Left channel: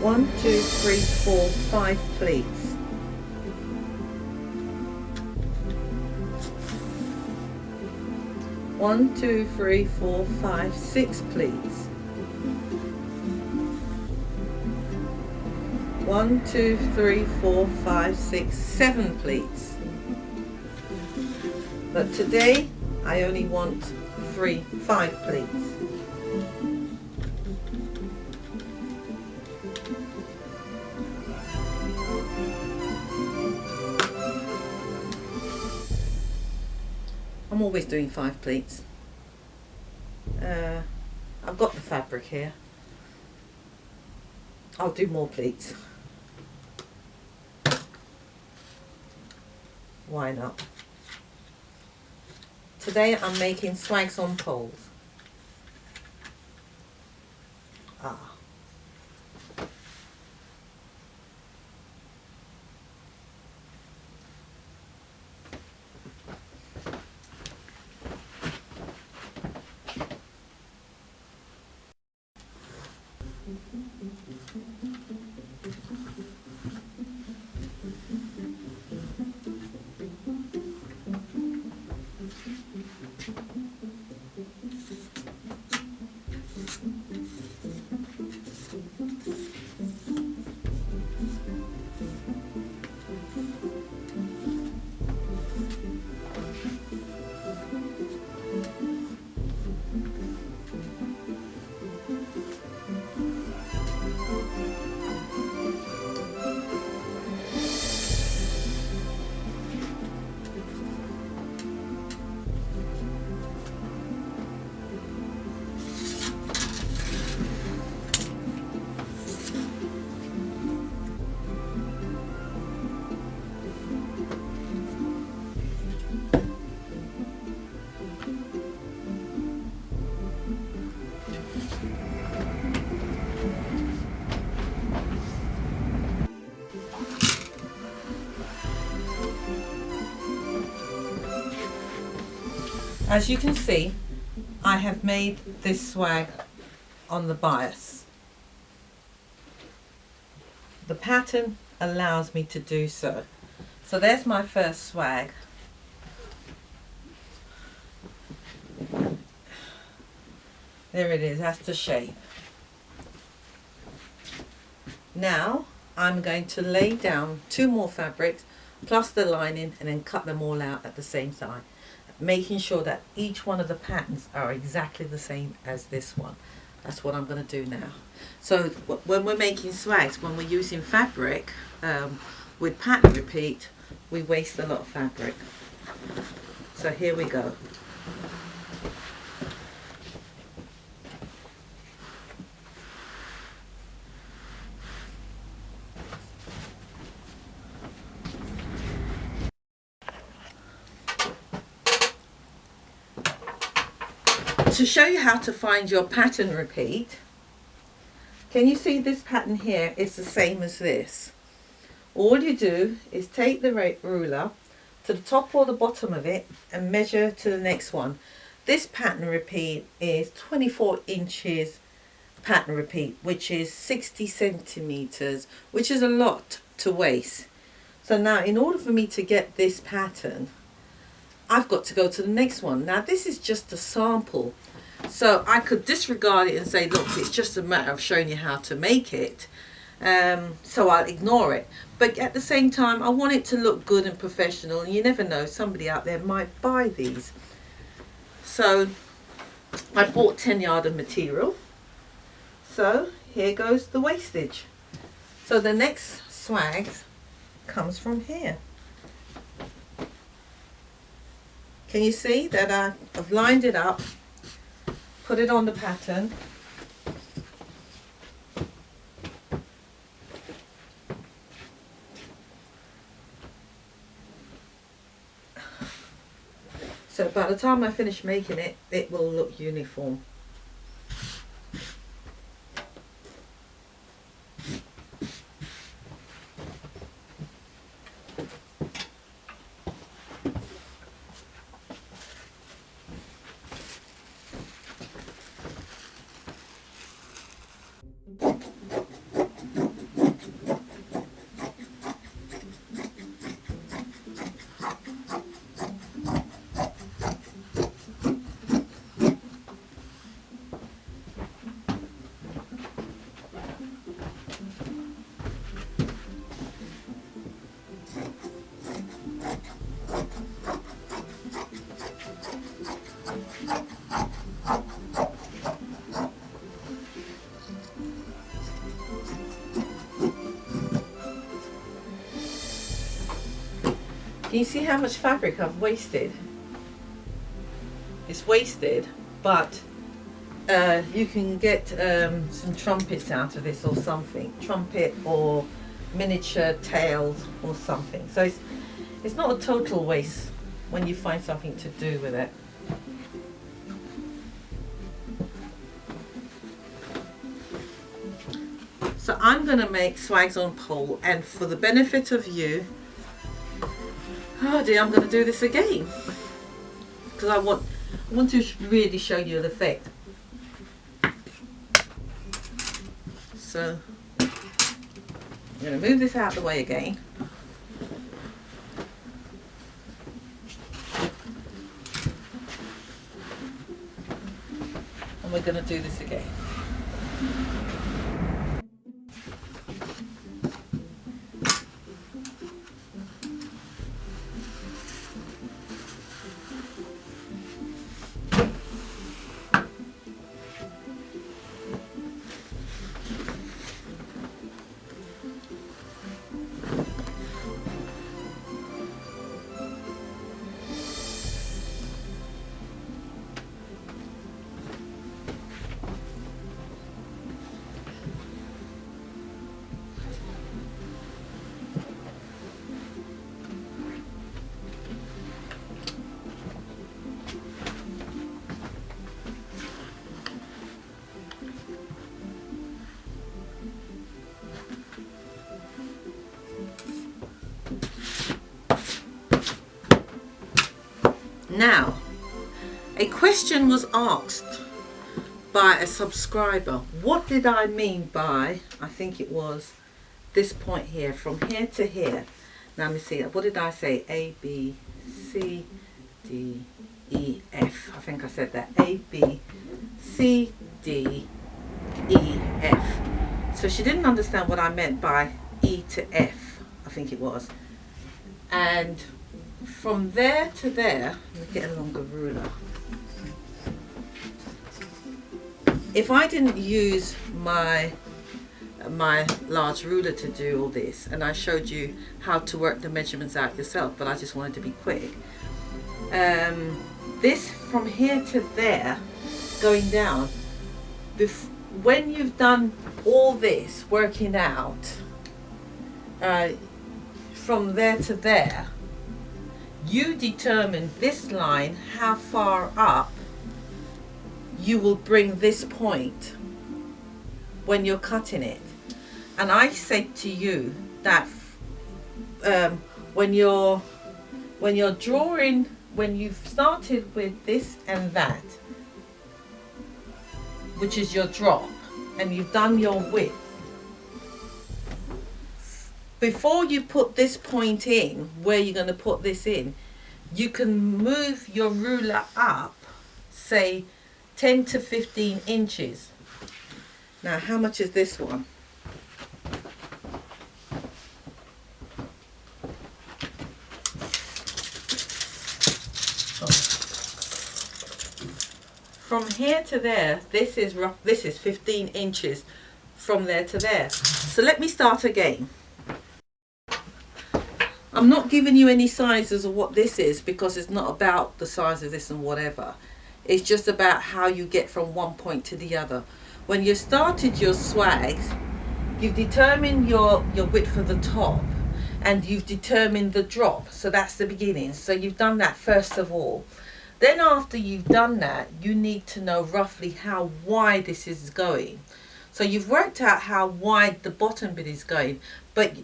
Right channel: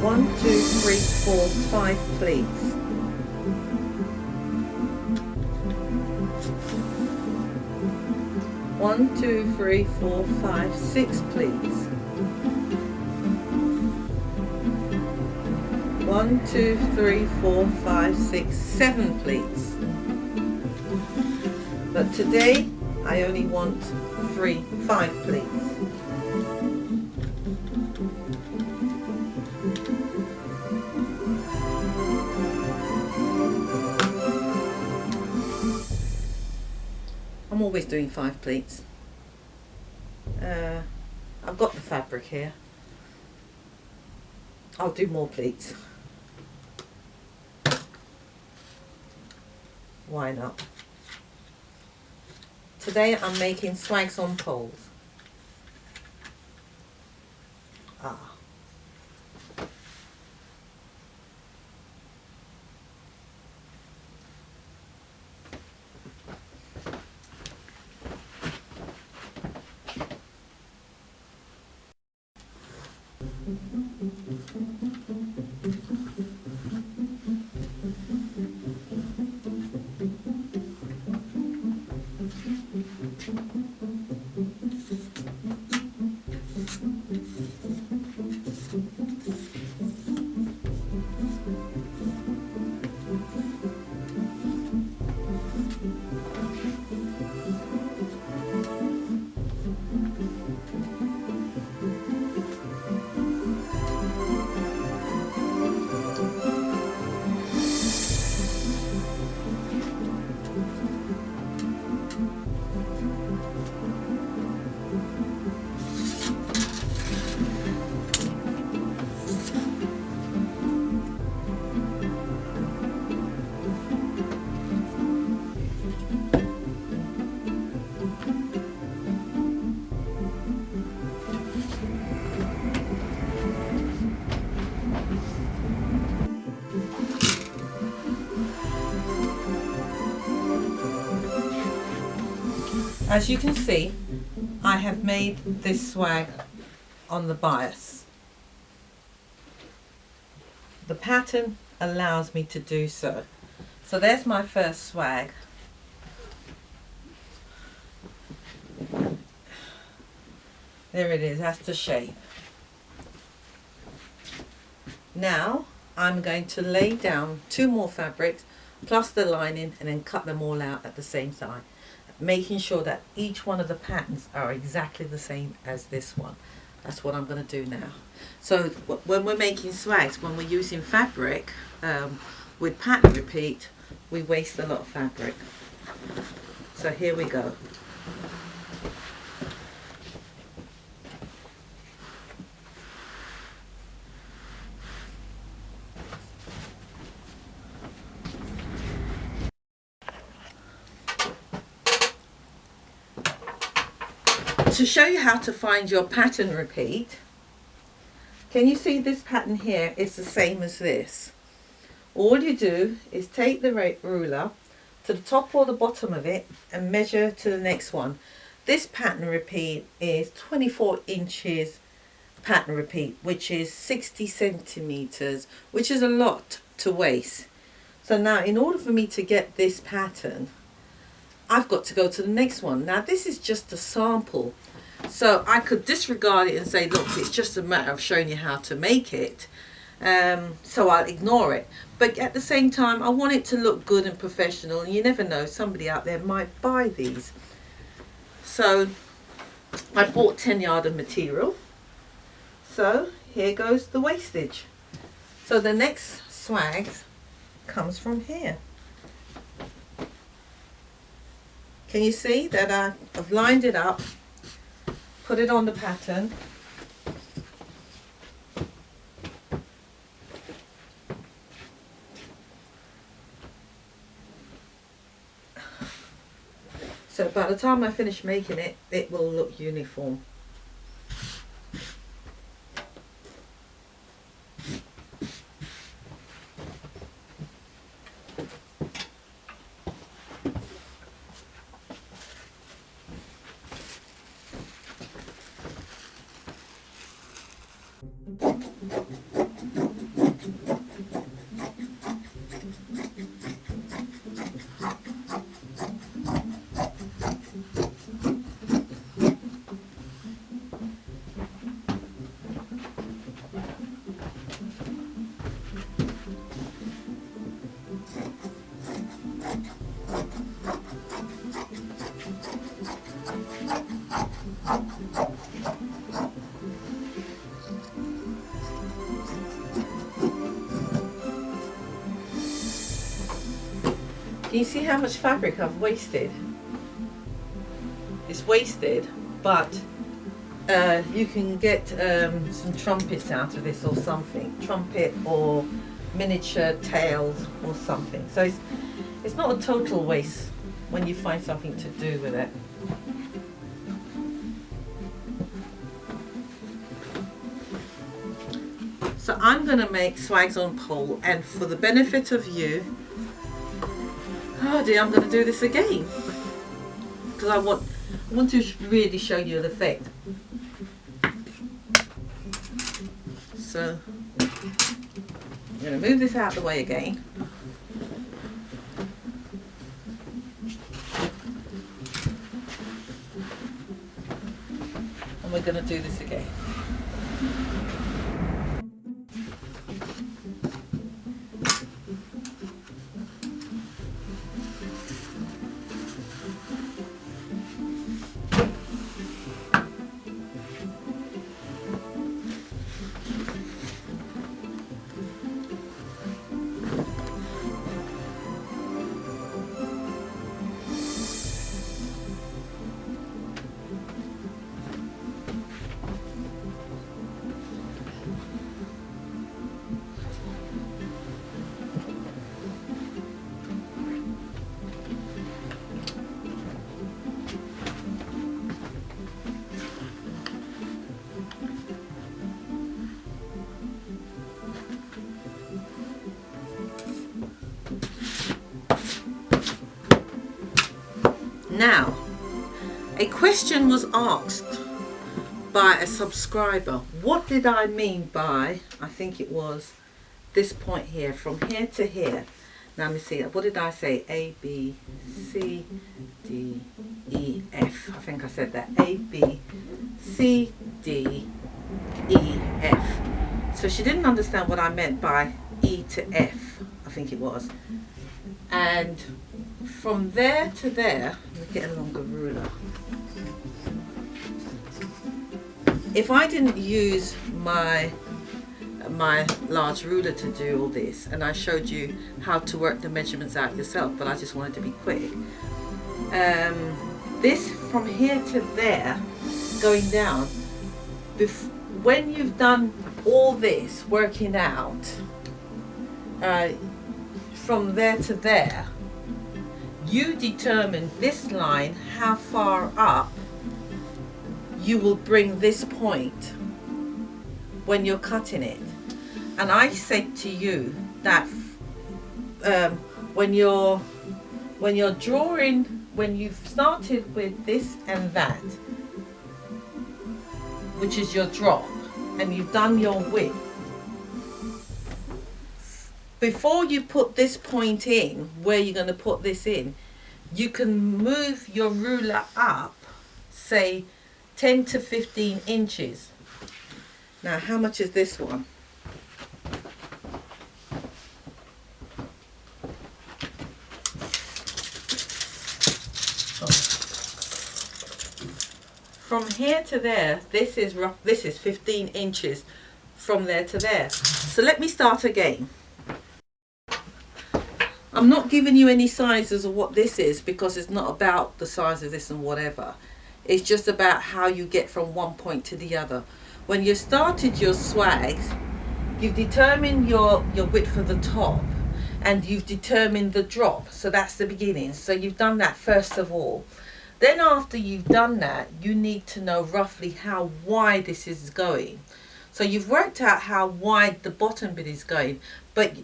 One, two, three, four, 5 pleats. One, two, three, four, 5, 6 pleats. 1, 2, 3, 4, 5, 6, 7 pleats. But today I only want 5 pleats. I'm always doing 5 pleats. I've got the fabric here. I'll do more pleats. Why not? Today I'm making swags on poles. As you can see, I have made this swag on the bias. The pattern allows me to do so. So there's my first swag. There it is, that's the shape. Now I'm going to lay down 2 more fabrics plus the lining and then cut them all out at the same time, making sure that each one of the patterns are exactly the same as this one. That's what I'm going to do now. So when we're making swags, when we're using fabric with pattern repeat, we waste a lot of fabric. So here we go. To show you how to find your pattern repeat, can you see this pattern here is the same as this? All you do is take the ruler to the top or the bottom of it and measure to the next one. This pattern repeat is 24 inches pattern repeat, which is 60 centimeters, which is a lot to waste. So now in order for me to get this pattern, I've got to go to the next one. Now this is just a sample, so I could disregard it and say, look, it's just a matter of showing you how to make it, so I'll ignore it. But at the same time, I want it to look good and professional, and you never know, somebody out there might buy these. So I bought 10 yard of material, so here goes the wastage. So the next swags comes from here. Can you see that I've lined it up, put it on the pattern, so by the time I finish making it, it will look uniform. Can you see how much fabric I've wasted? It's wasted, but you can get some trumpets out of this or something. Trumpet or miniature tails or something. So it's not a total waste when you find something to do with it. So I'm going to make swags on pole, and for the benefit of you, oh dear, I'm going to do this again because I want to really show you the effect. So I'm going to move this out of the way again. And we're going to do this again. Now, A question was asked by a subscriber. What did I mean by, I think it was this point here, from here to here. Now let me see, what did I say? A, B, C, D, E, F. I think I said that. A, B, C, D, E, F. So she didn't understand what I meant by E to F, I think it was. And from there to there, let me get a longer ruler. If I didn't use my large ruler to do all this, and I showed you how to work the measurements out yourself, but I just wanted to be quick. This from here to there, going down, when you've done all this working out, from there to there, you determine this line, how far up you will bring this point when you're cutting it. And I said to you that when you're drawing, when you've started with this and that, which is your drop, and you've done your width, before you put this point in where you're going to put this in, you can move your ruler up, say 10 to 15 inches. Now, how much is this one? From here to there, this is 15 inches from there to there. So let me start again. I'm not giving you any sizes of what this is because it's not about the size of this and whatever. It's just about how you get from one point to the other. When you started your swags, you've determined your width of the top and you've determined the drop. So that's the beginning. So you've done that first of all. Then after you've done that, you need to know roughly how wide this is going. So you've worked out how wide the bottom bit is going, but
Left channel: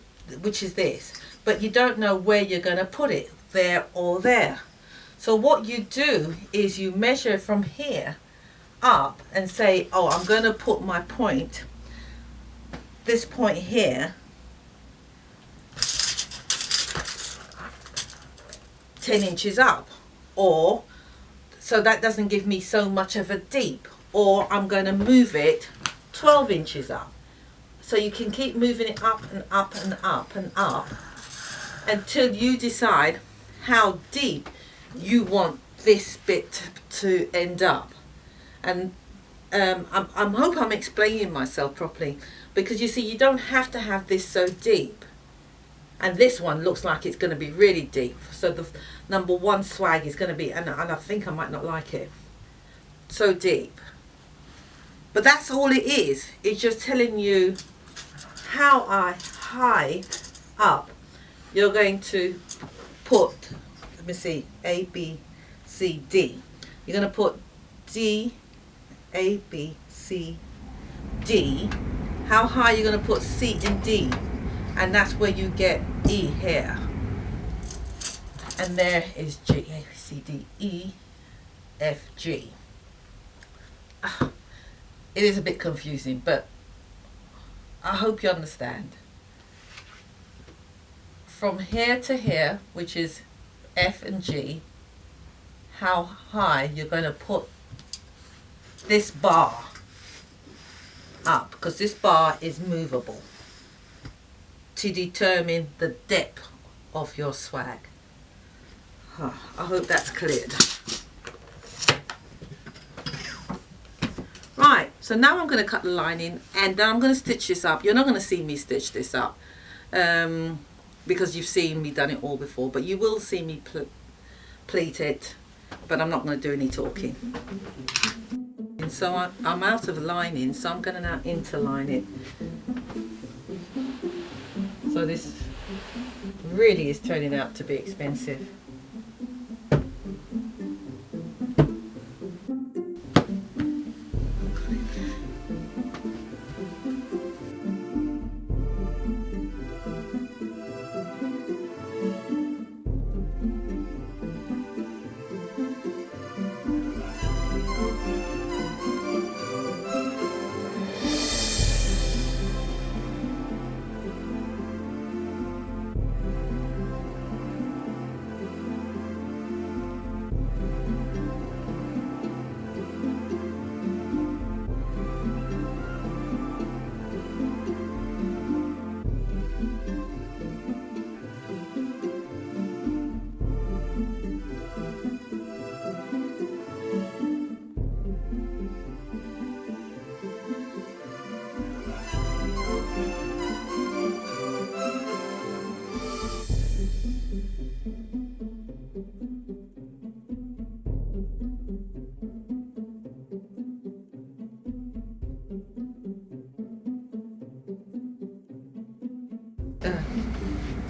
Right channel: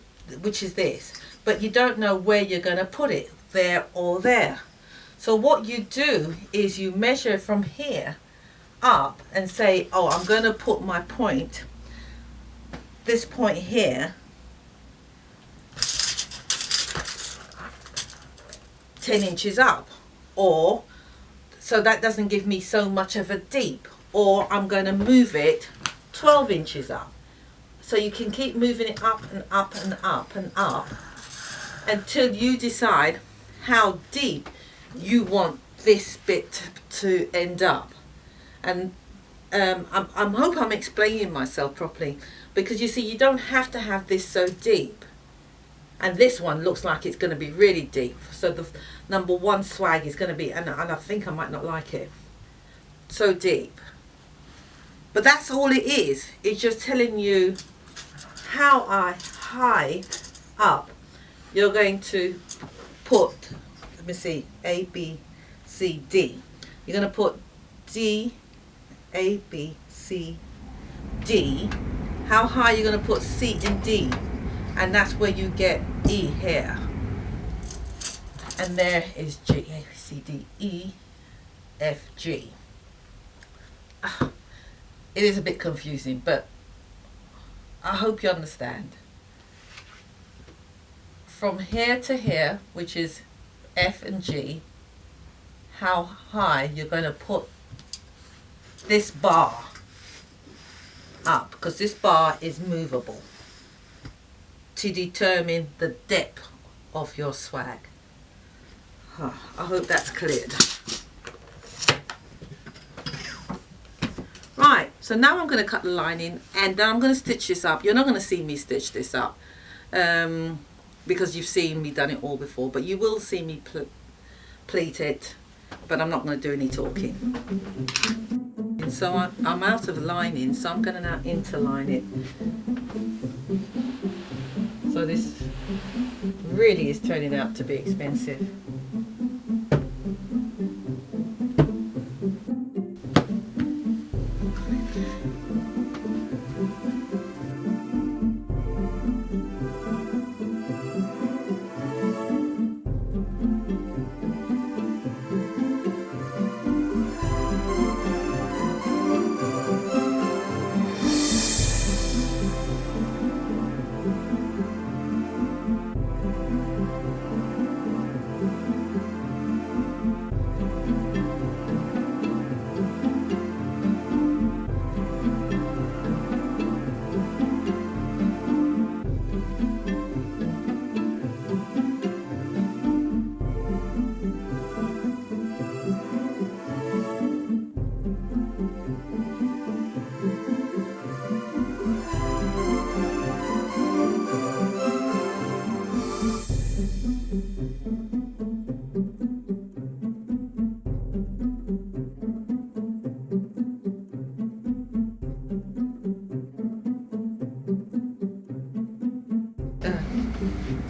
which is this. But you don't know where you're going to put it, there or there. So what you do is you measure from here up and say, oh, I'm going to put my point, this point here, 10 inches up, or so that doesn't give me so much of a deep, or I'm going to move it 12 inches up. So you can keep moving it up and up and up and up until you decide how deep you want this bit to end up. And I hope I'm explaining myself properly, because you see, you don't have to have this so deep. And this one looks like it's going to be really deep. So the number one swag is going to be, and I think I might not like it, so deep. But that's all it is. It's just telling you how high up you're going to put, let me see, A, B, C, D. You're going to put D, A, B, C, D. How high you're going to put C and D. And that's where you get E here. And there is G, A, B, C, D, E, F, G. It is a bit confusing, but I hope you understand. From here to here, which is F and G, how high you're going to put this bar up, because this bar is movable, to determine the depth of your swag. I hope that's cleared. Right, so now I'm going to cut the lining, and then I'm going to stitch this up. You're not going to see me stitch this up because you've seen me done it all before, but you will see me pleat it, but I'm not going to do any talking. And so I'm out of lining, so I'm going to now interline it. So this really is turning out to be expensive.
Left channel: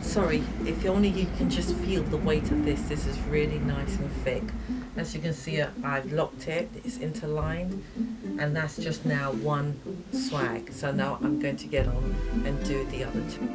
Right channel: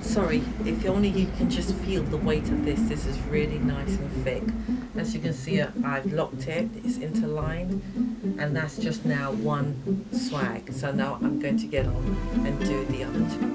Sorry, if only you can just feel the weight of this. This is really nice and thick. As you can see, I've locked it. It's interlined, and that's just now one swag. So now I'm going to get on and do the other two.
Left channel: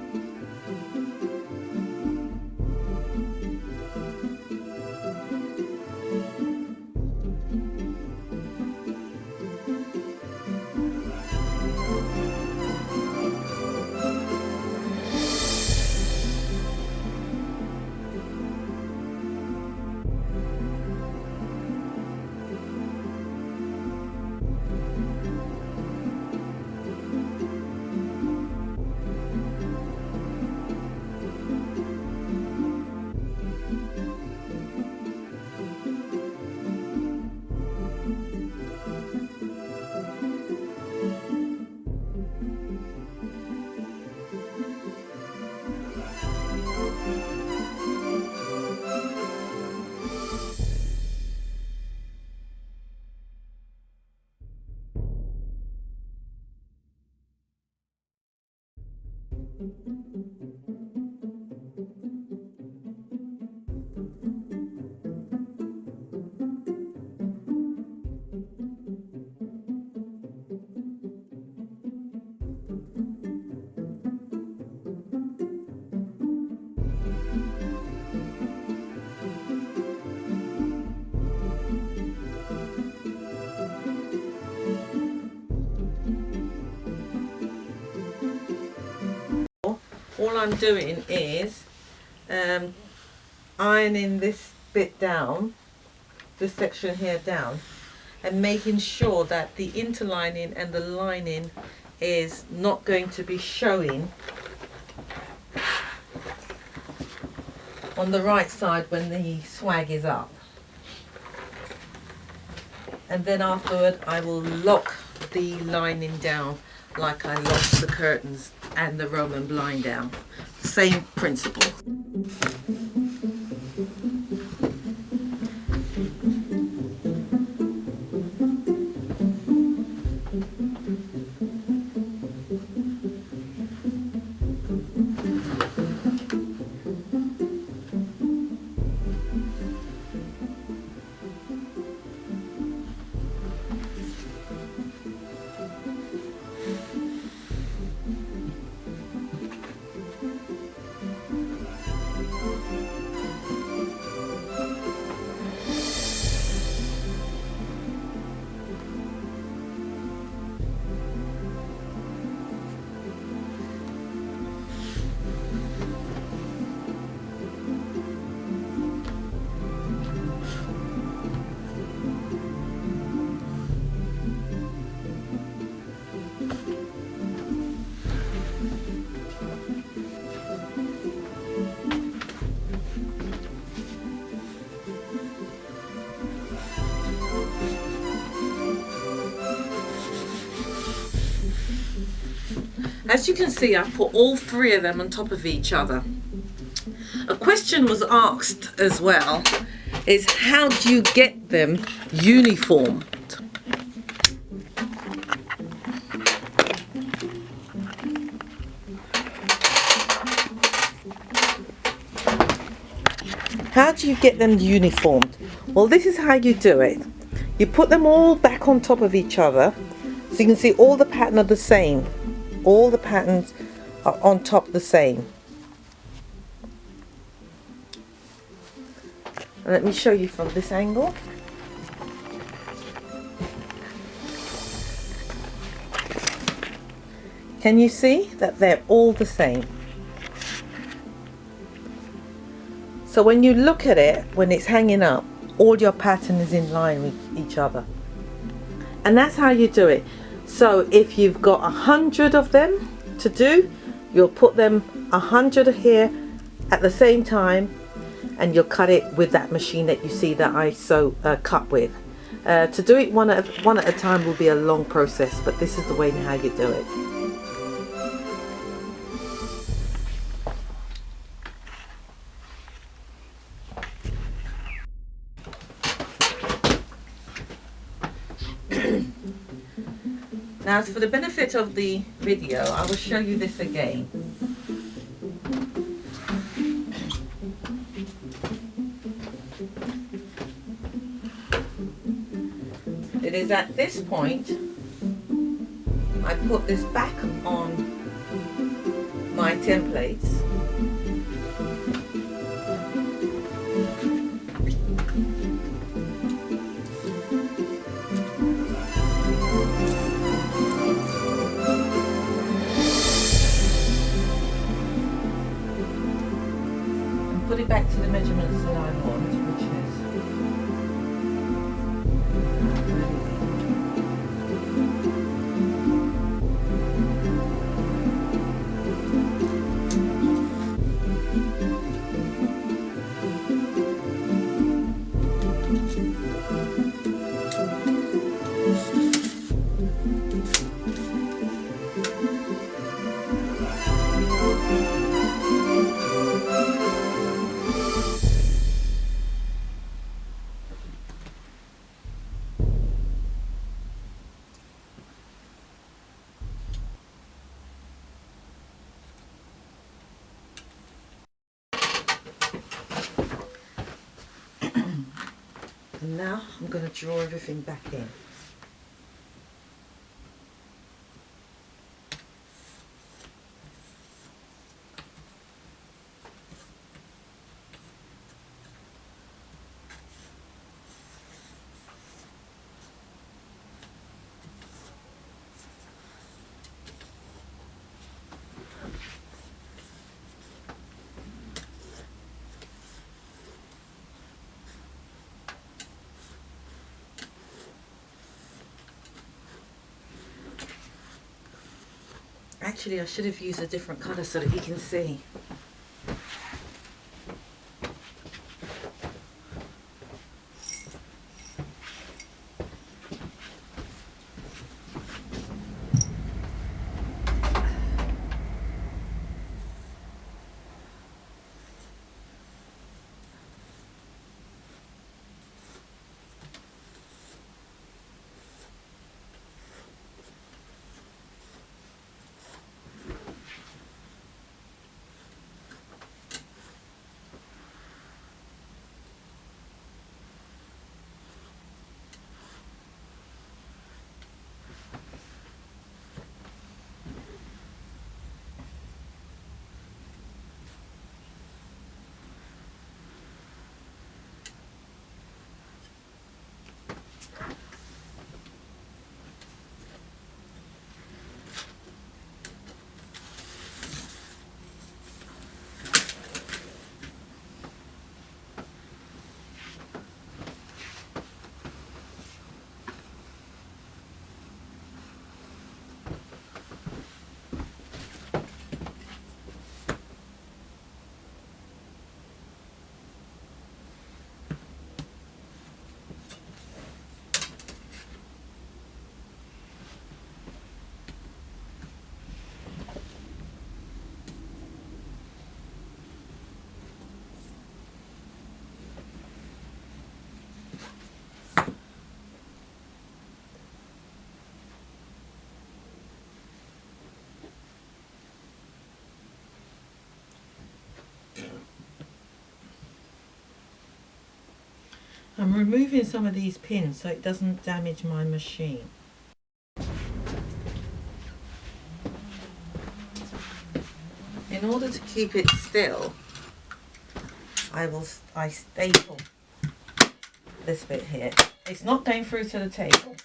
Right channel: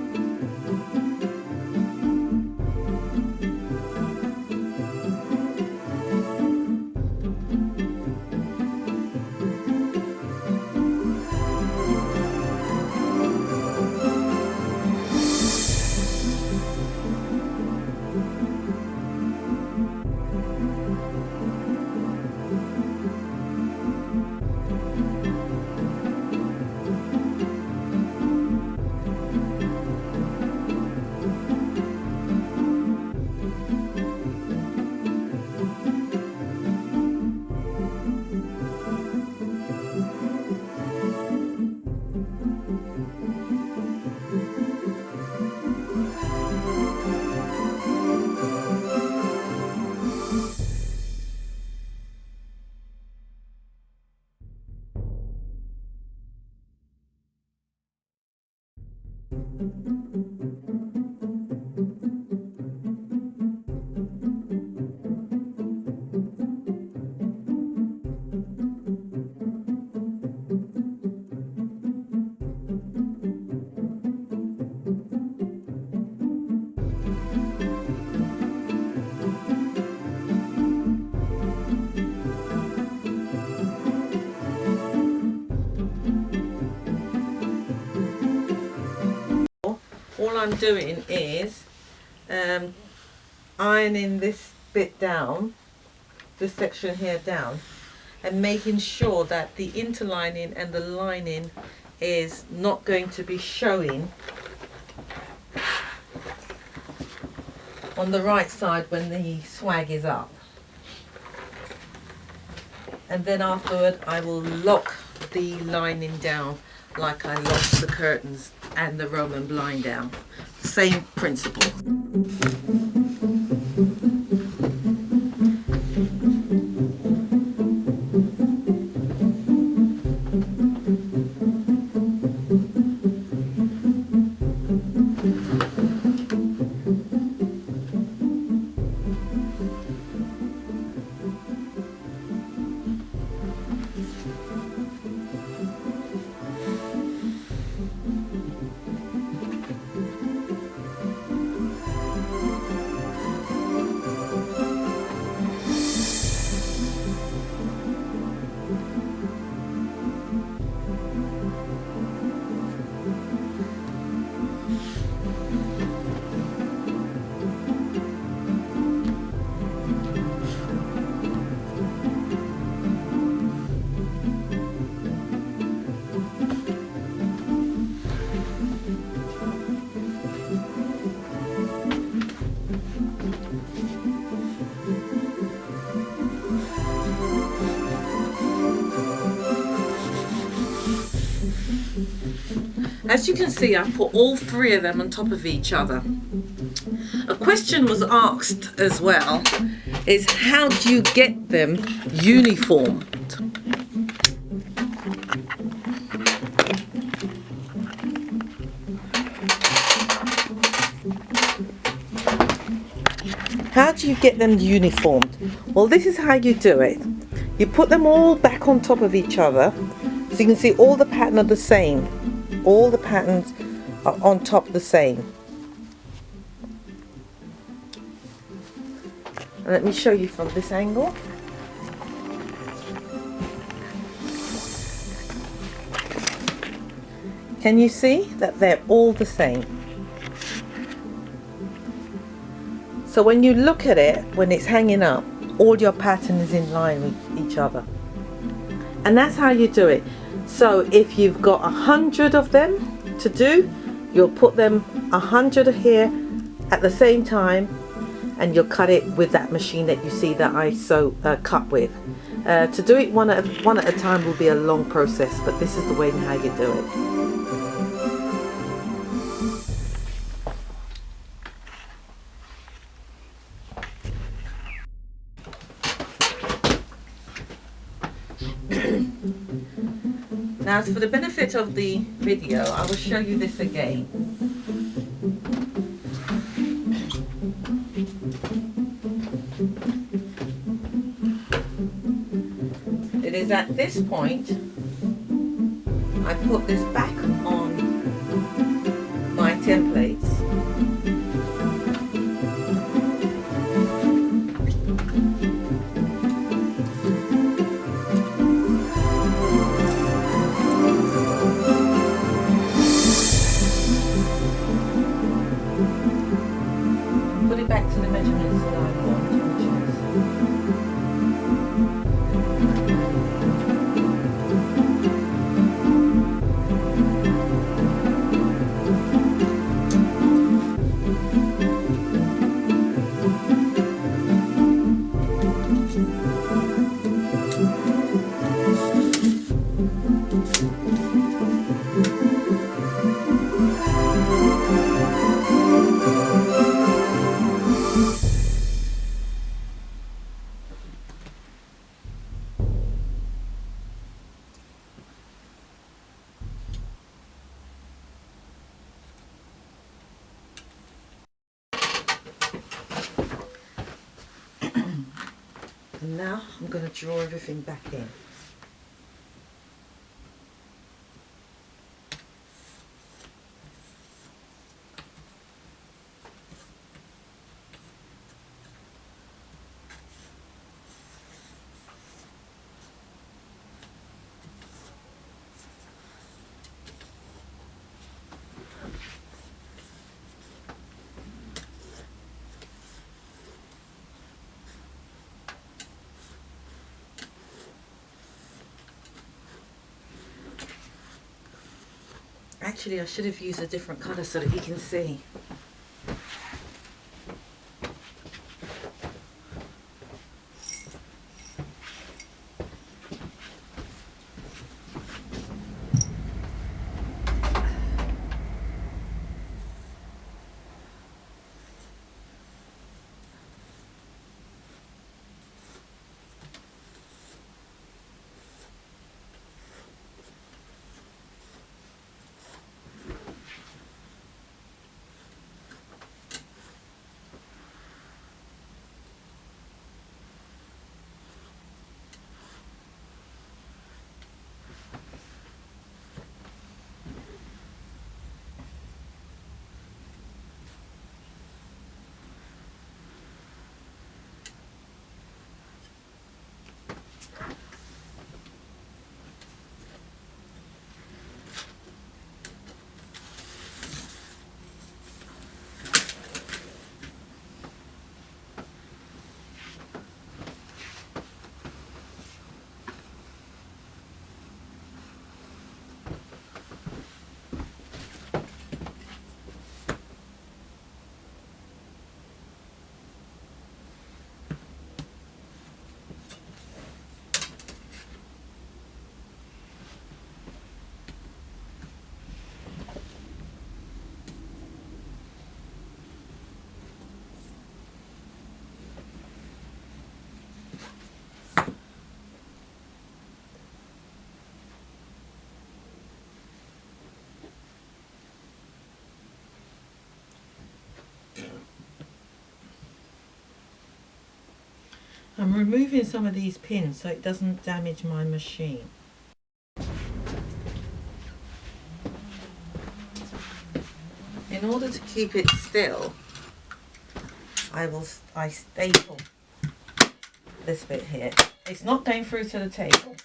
All I'm doing is ironing this bit down, this section here down, and making sure that the interlining and the lining is not going to be showing on the right side when the swag is up. And then afterward I will lock the lining down like I locked the curtains and the Roman blind down. Same principle. As you can see, I put all three of them on top of each other. A question was asked as well, is how do you get them uniformed? How do you get them uniformed? Well, this is how you do it. You put them all back on top of each other, so you can see all the pattern are the same. All the patterns are on top the same. And let me show you from this angle. Can you see that they're all the same? So when you look at it, when it's hanging up, all your pattern is in line with each other. And that's how you do it. So if you've got 100 of them to do, you'll put them 100 here at the same time, and you'll cut it with that machine that you see that I cut with. To do it one at a time will be a long process, but this is the way and how you do it. Now, for the benefit of the video, I will show you this again. It is at this point I put this back on my templates. And put it back to the measurements that I want, which is and now I'm going to draw everything back in. Actually, I should have used a different colour so that you can see. I'm removing some of these pins so it doesn't damage my machine. In order to keep it still, I staple this bit here. It's not going through to the table.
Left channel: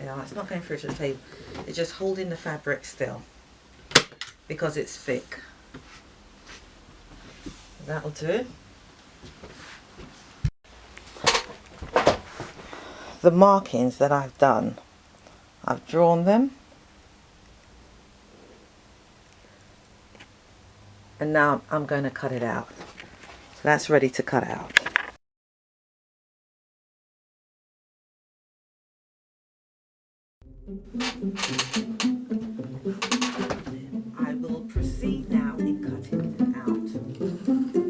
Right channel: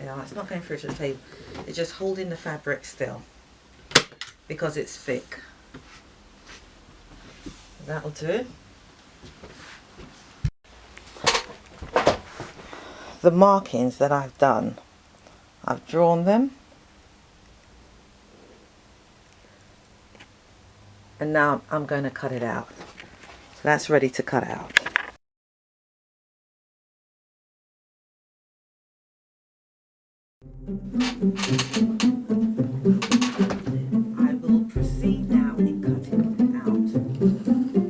Yeah, it's not going through to the table. It's just holding the fabric still because it's thick. That'll do. The markings that I've done, I've drawn them, and now I'm going to cut it out. So that's ready to cut out. I will proceed now in cutting out the pattern.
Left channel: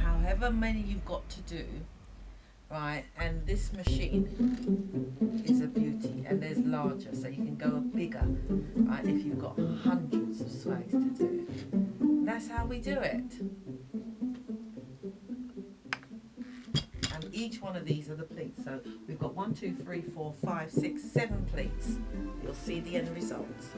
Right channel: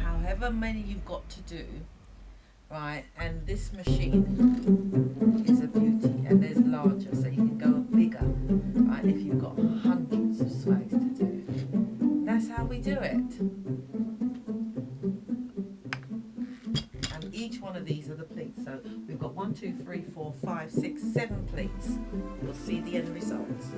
However many you've got to do, right? And this machine is a beauty, and there's larger, so you can go bigger, right? If you've got hundreds of swags to do. That's how we do it. And each one of these are the pleats. So we've got 1, 2, 3, 4, 5, 6, 7 pleats. You'll see the end results.